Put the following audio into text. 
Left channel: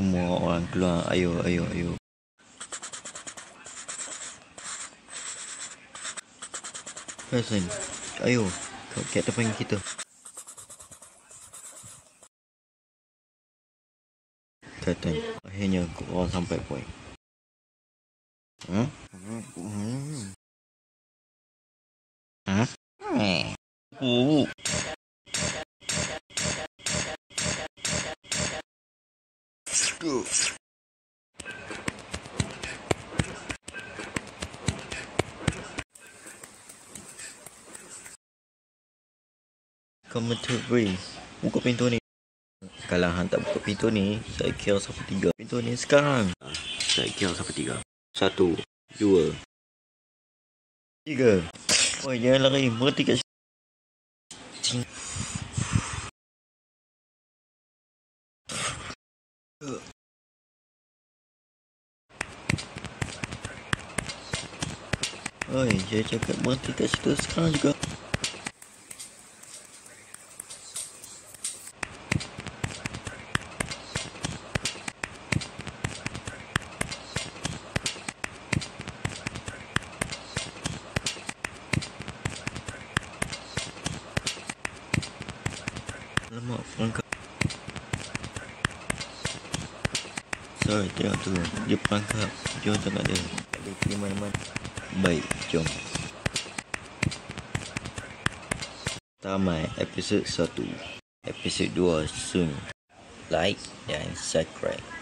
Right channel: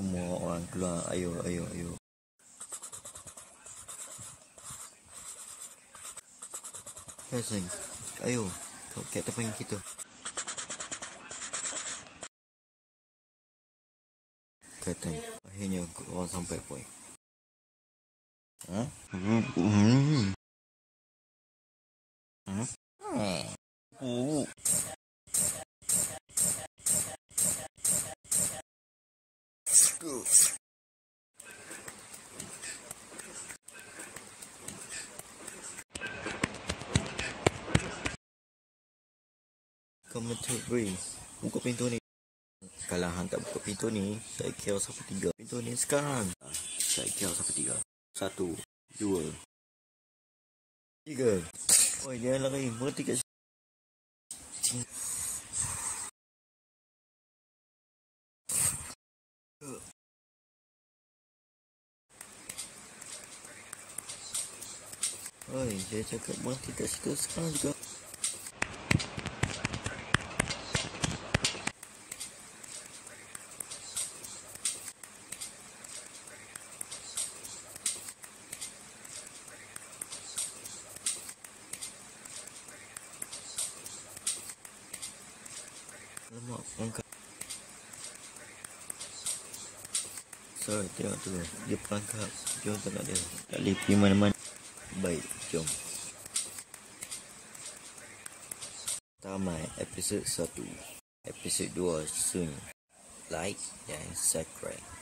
Semua orang keluar. Ayo. Hasan, ayo. Kat depan kita. Kata, akhirnya korang sampai poin. Come to bring. Buka pintu ni. Kalau hang tak buka pintu ni, saya kira sampai 3. Pintu ni sekarang. Saya kira sampai 3. 1, 2, 3. Oh, jangan lari. Berhenti kat sini. Oi, saya cakap berhenti kat situ sekarang juga. Alamak, perangkap. Sorry, tengok tu. Dia perangkap. Jom tak nak dia. Tak boleh pergi mana-mana. Baik, jom. Tamat episod 1. Episod 2 soon. Like dan subscribe.